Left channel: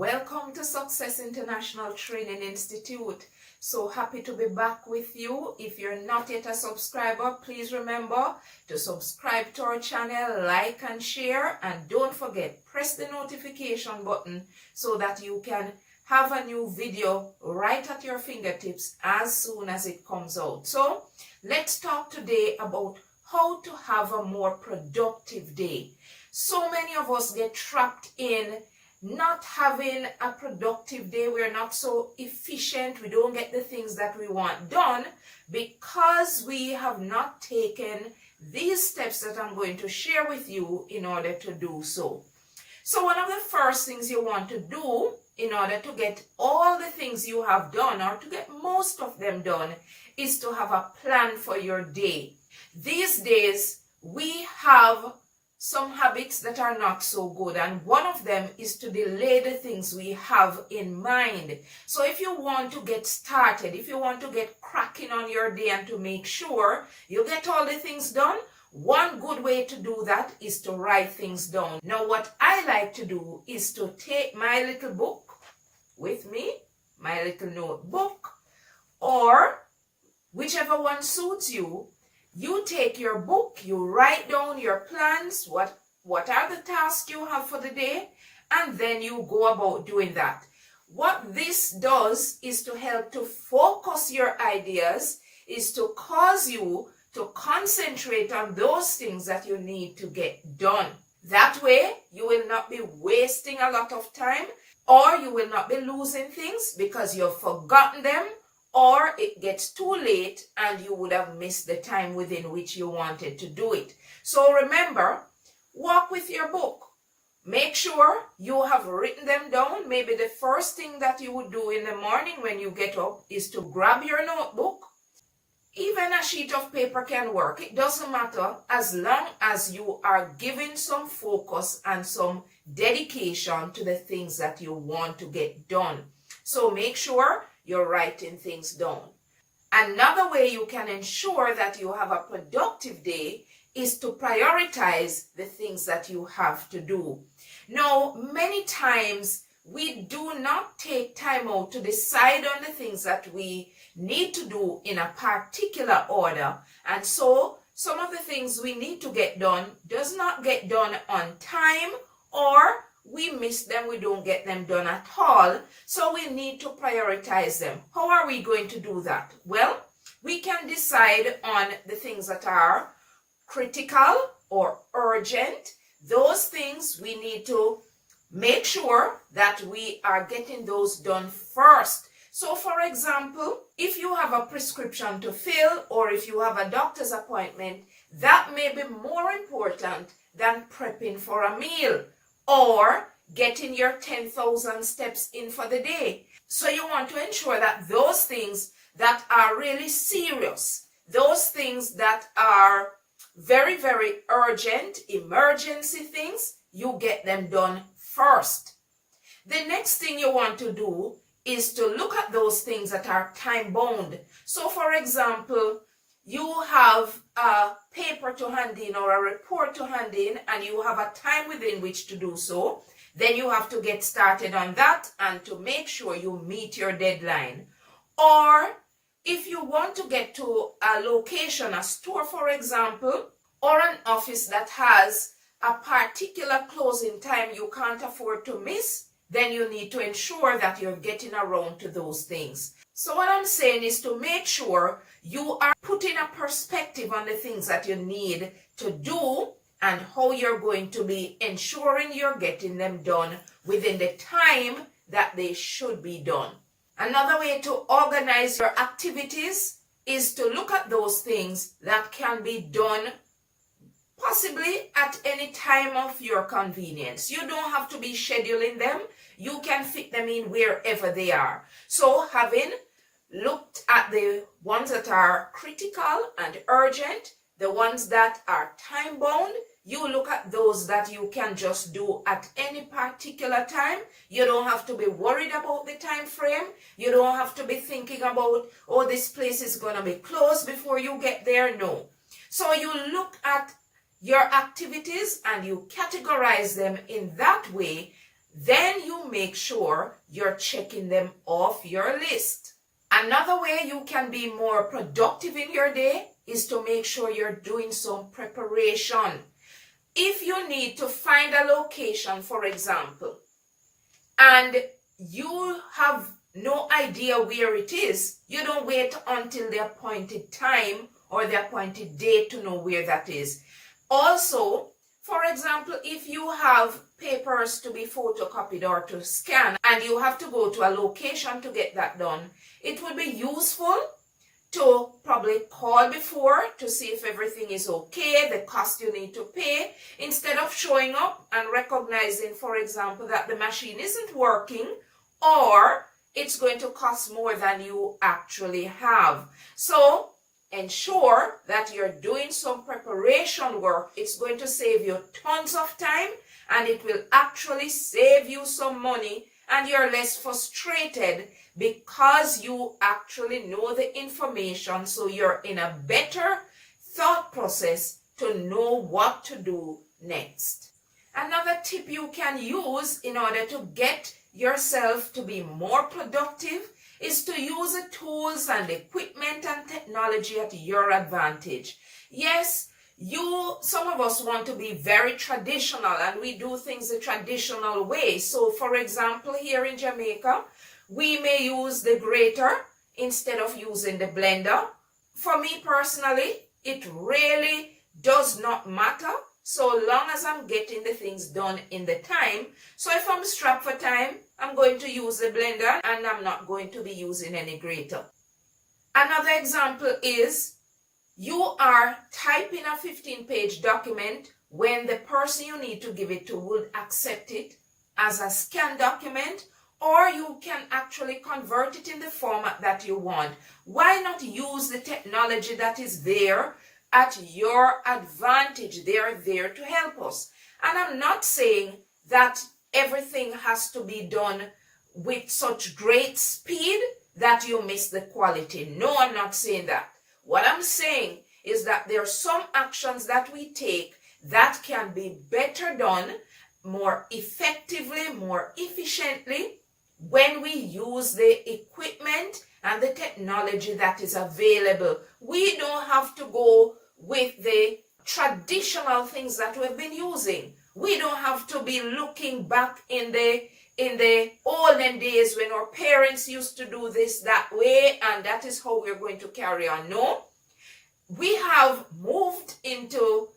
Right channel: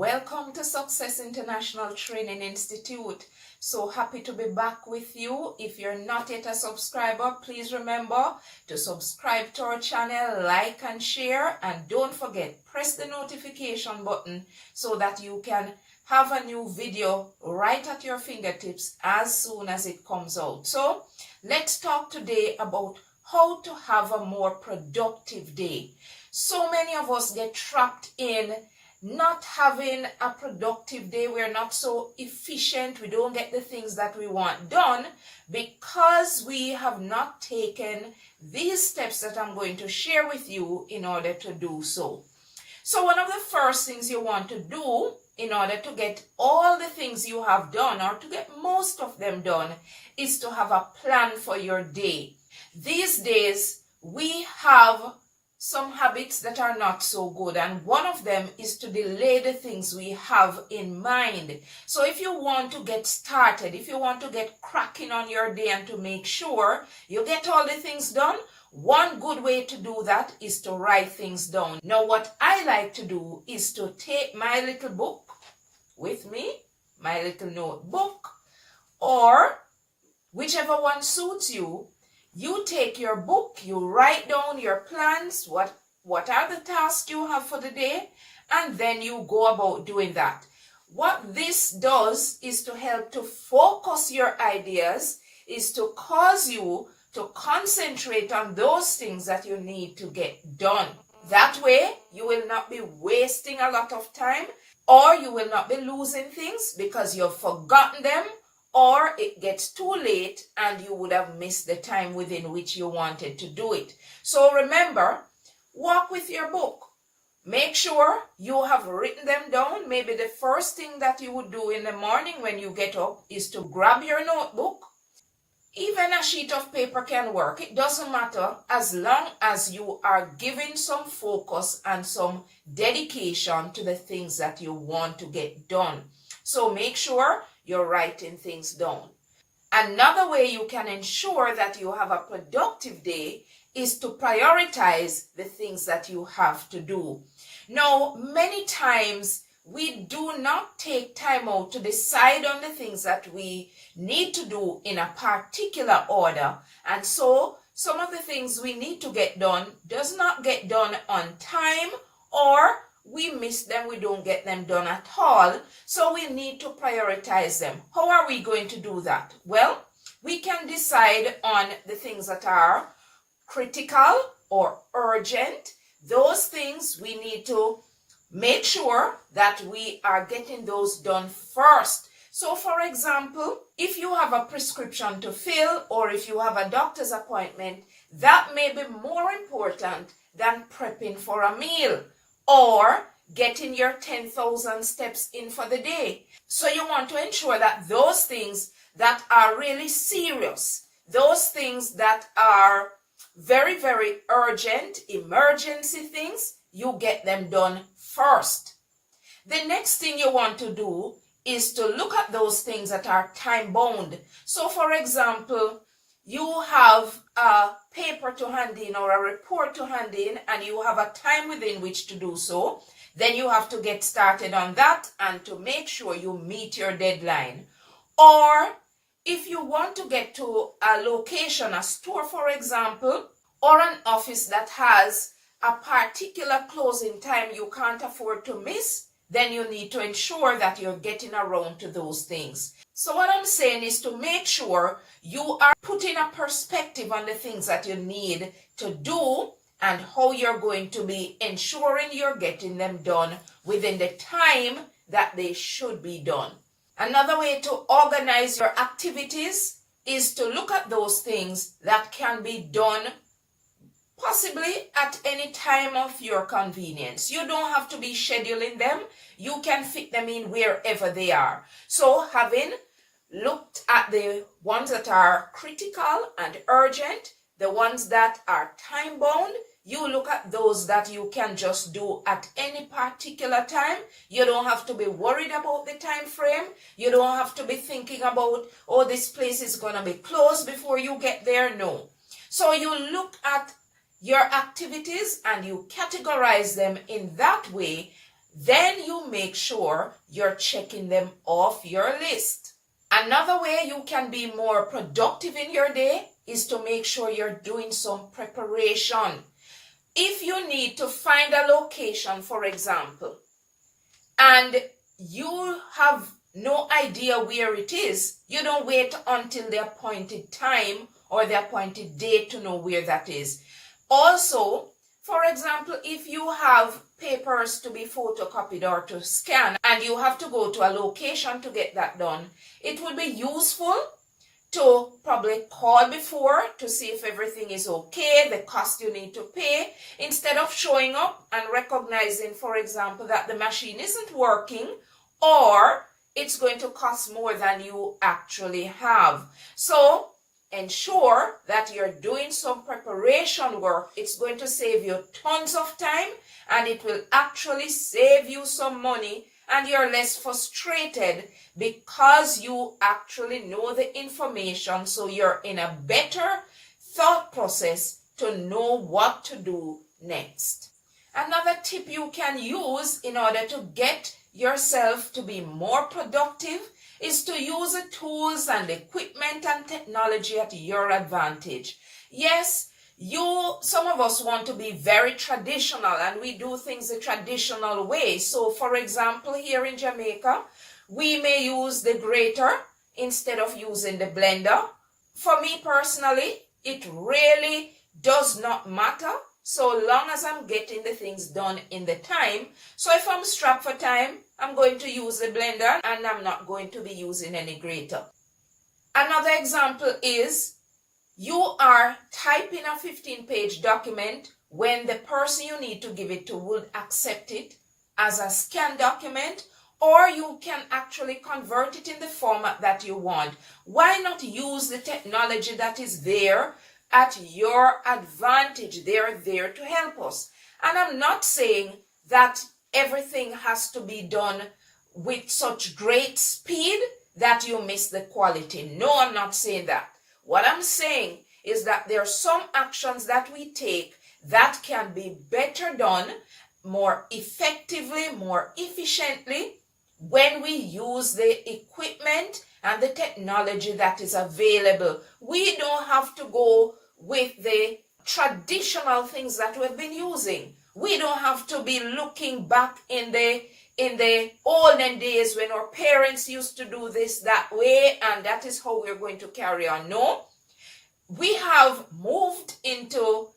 Welcome to Success International Training Institute. So happy to be back with you. If you're not yet a subscriber, please remember to subscribe to our channel, like and share, and don't forget, press the notification button so that you can have a new video right at your fingertips as soon as it comes out. So let's talk today about how to have a more productive day. So many of us get trapped in not having a productive day. We're not so efficient. We don't get the things that we want done because we have not taken these steps that I'm going to share with you in order to do so. So one of the first things you want to do in order to get all the things you have done, or to get most of them done, is to have a plan for your day. These days, we have some habits that are not so good, and one of them is to delay the things we have in mind. So if you want to get started, if you want to get cracking on your day and to make sure you get all the things done, one good way to do that is to write things down. Now, what I like to do is to take my little book with me, my little notebook, or whichever one suits you. You take your book, you write down your plans, what are the tasks you have for the day, and then you go about doing that. What this does is to help to focus your ideas, is to cause you to concentrate on those things that you need to get done. That way, you will not be wasting a lot of time, or you will not be losing things because you've forgotten them, or it gets too late and you would have missed the time within which you wanted to do it. So remember, walk with your book. Make sure you have written them down. Maybe the first thing that you would do in the morning when you get up is to grab your notebook. Even a sheet of paper can work. It doesn't matter, as long as you are giving some focus and some dedication to the things that you want to get done. So make sure you're writing things down. Another way you can ensure that you have a productive day is to prioritize the things that you have to do. Now, many times we do not take time out to decide on the things that we need to do in a particular order. And so some of the things we need to get done does not get done on time, or we miss them, we don't get them done at all. So we need to prioritize them. How are we going to do that? Well, we can decide on the things that are critical or urgent. Those things we need to make sure that we are getting those done first. So for example, if you have a prescription to fill, or if you have a doctor's appointment, that may be more important than prepping for a meal or getting your 10,000 steps in for the day. So you want to ensure that those things that are really serious, those things that are very, very urgent, emergency things, you get them done first. The next thing you want to do is to look at those things that are time bound. So for example, you have a paper to hand in or a report to hand in, and you have a time within which to do so. Then you have to get started on that and to make sure you meet your deadline. Or if you want to get to a location, a store for example, or an office that has a particular closing time you can't afford to miss, then you need to ensure that you're getting around to those things. So what I'm saying is to make sure you are putting a perspective on the things that you need to do and how you're going to be ensuring you're getting them done within the time that they should be done. Another way to organize your activities is to look at those things that can be done possibly at any time of your convenience. You don't have to be scheduling them. You can fit them in wherever they are. So having looked at the ones that are critical and urgent, the ones that are time bound, you look at those that you can just do at any particular time. You don't have to be worried about the time frame. You don't have to be thinking about, oh, this place is going to be closed before you get there. No. So you look at your activities and you categorize them in that way, then you make sure you're checking them off your list. Another way you can be more productive in your day is to make sure you're doing some preparation. If you need to find a location, for example, and you have no idea where it is, you don't wait until the appointed time or the appointed date to know where that is. Also, for example, if you have papers to be photocopied or to scan and you have to go to a location to get that done, it would be useful to probably call before to see if everything is okay, the cost you need to pay, instead of showing up and recognizing, for example, that the machine isn't working or it's going to cost more than you actually have. So ensure that you're doing some preparation work. It's going to save you tons of time and it will actually save you some money, and you're less frustrated because you actually know the information, so you're in a better thought process to know what to do next. Another tip you can use in order to get yourself to be more productive is to use the tools and equipment and technology at your advantage. Yes, some of us want to be very traditional and we do things the traditional way. So for example, here in Jamaica, we may use the grater instead of using the blender. For me personally, it really does not matter so long as I'm getting the things done in the time. So if I'm strapped for time, I'm going to use the blender and I'm not going to be using any grater. Another example is you are typing a 15-page document when the person you need to give it to would accept it as a scanned document, or you can actually convert it in the format that you want. Why not use the technology that is there at your advantage? They're there to help us. And I'm not saying that everything has to be done with such great speed that you miss the quality. No, I'm not saying that. What I'm saying is that there are some actions that we take that can be better done more effectively, more efficiently when we use the equipment and the technology that is available. We don't have to go with the traditional things that we've been using. We don't have to be looking back in the olden days when our parents used to do this that way and that is how we're going to carry on. No, we have moved into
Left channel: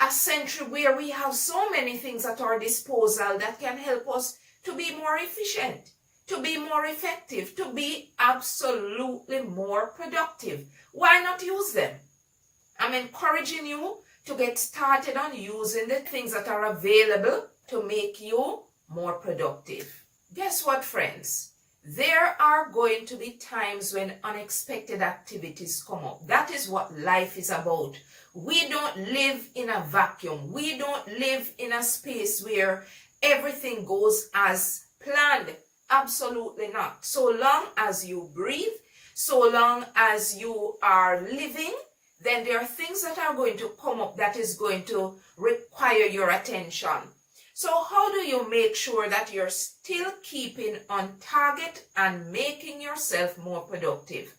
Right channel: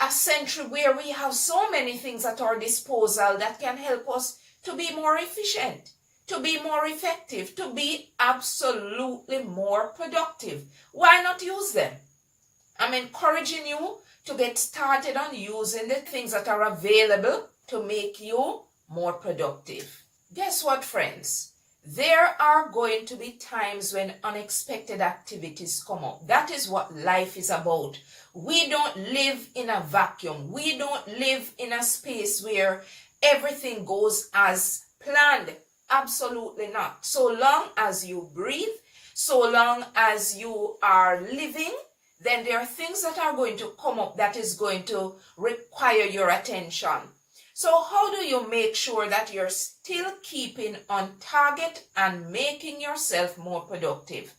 a century where we have so many things at our disposal that can help us to be more efficient, to be more effective, to be absolutely more productive. Why not use them? I'm encouraging you to get started on using the things that are available to make you more productive. Guess what, friends? There are going to be times when unexpected activities come up. That is what life is about. We don't live in a vacuum. We don't live in a space where everything goes as planned. Absolutely not. So long as you breathe, so long as you are living, then there are things that are going to come up that is going to require your attention. So how do you make sure that you're still keeping on target and making yourself more productive?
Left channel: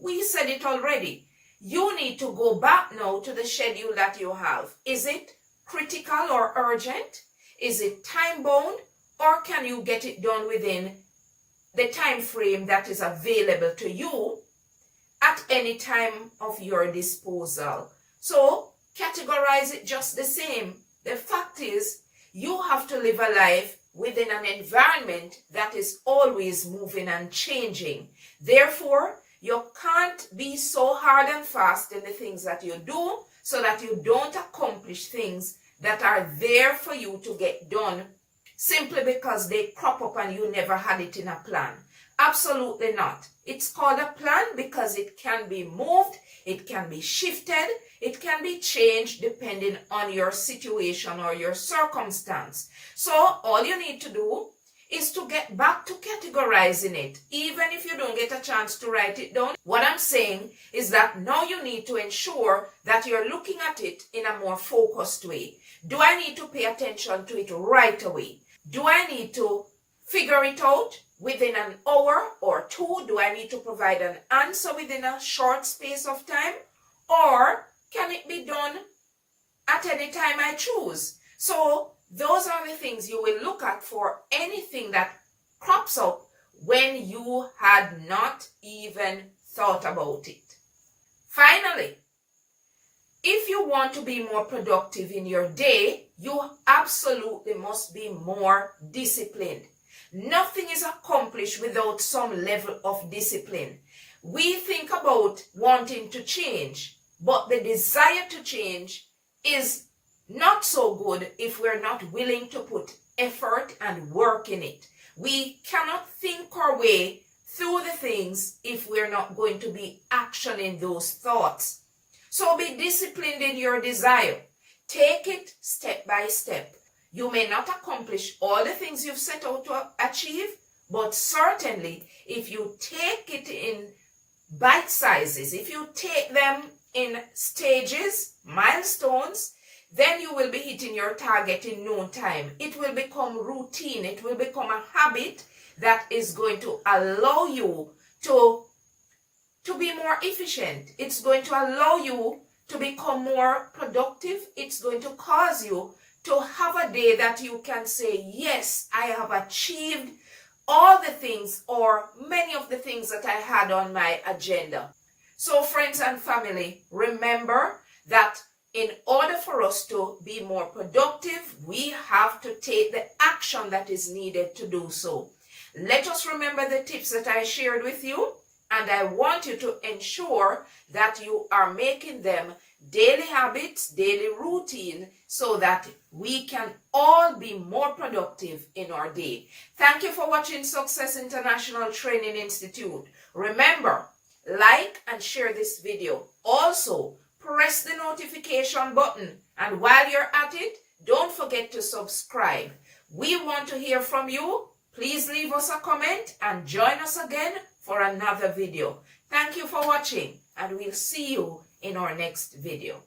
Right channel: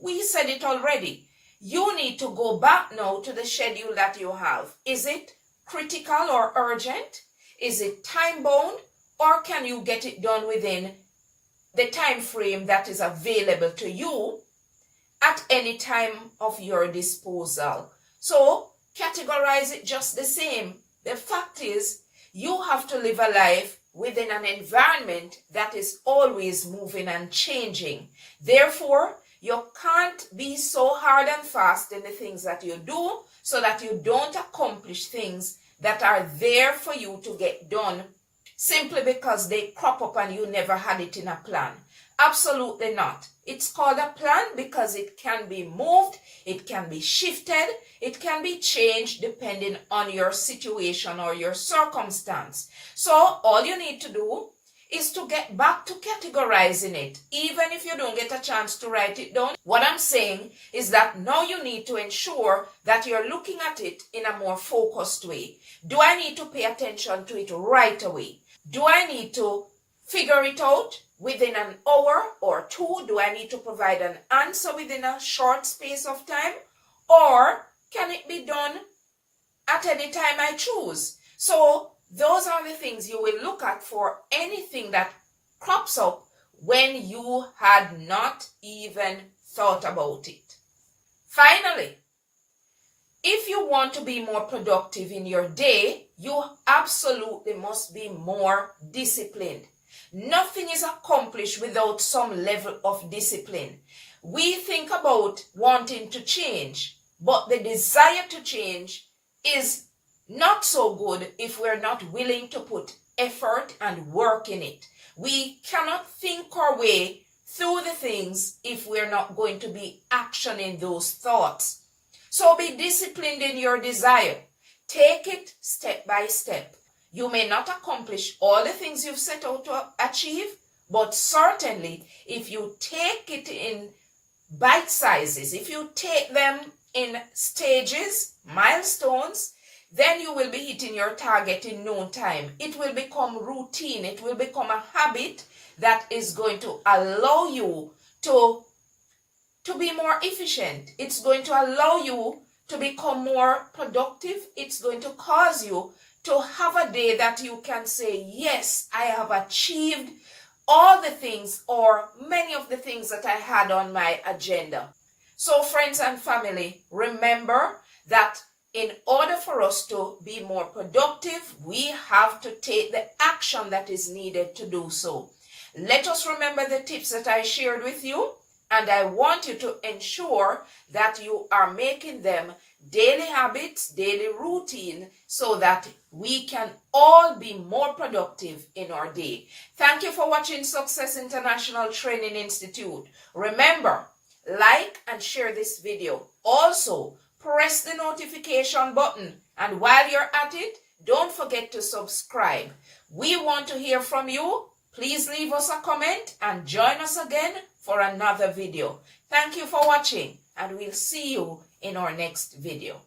We said it already. You need to go back now to the schedule that you have. Is it critical or urgent? Is it time bound? Or can you get it done within the time frame that is available to you at any time of your disposal? So categorize it just the same. The fact is, you have to live a life within an environment that is always moving and changing. Therefore, you can't be so hard and fast in the things that you do so that you don't accomplish things that are there for you to get done simply because they crop up and you never had it in a plan. Absolutely not. It's called a plan because it can be moved, it can be shifted, it can be changed depending on your situation or your circumstance. So all you need to do is to get back to categorizing it, even if you don't get a chance to write it down. What I'm saying is that now you need to ensure that you're looking at it in a more focused way. Do I need to pay attention to it right away? Do I need to figure it out within an hour or two? Do I need to provide an answer within a short space of time? Or can it be done at any time I choose? So those are the things you will look at for anything that crops up when you had not even thought about it. Finally, if you want to be more productive in your day, you absolutely must be more disciplined. Nothing is accomplished without some level of discipline. We think about wanting to change, but the desire to change is not so good if we're not willing to put effort and work in it. We cannot think our way through the things if we're not going to be actioning those thoughts. So be disciplined in your desire. Take it step by step. You may not accomplish all the things you've set out to achieve, but certainly if you take it in bite sizes, if you take them in stages, milestones, then you will be hitting your target in no time. It will become routine. It will become a habit that is going to allow you to be more efficient. It's going to allow you to become more productive. It's going to cause you to have a day that you can say, yes, I have achieved all the things or many of the things that I had on my agenda. So friends and family, remember that in order for us to be more productive, we have to take the action that is needed to do so. Let us remember the tips that I shared with you, and I want you to ensure that you are making them daily habits, daily routine, so that we can all be more productive in our day. Thank you for watching Success International Training Institute. Remember, like and share this video. Also, press the notification button, and while you're at it, don't forget to subscribe. We want to hear from you. Please leave us a comment and join us again for another video. Thank you for watching, and we'll see you in our next video.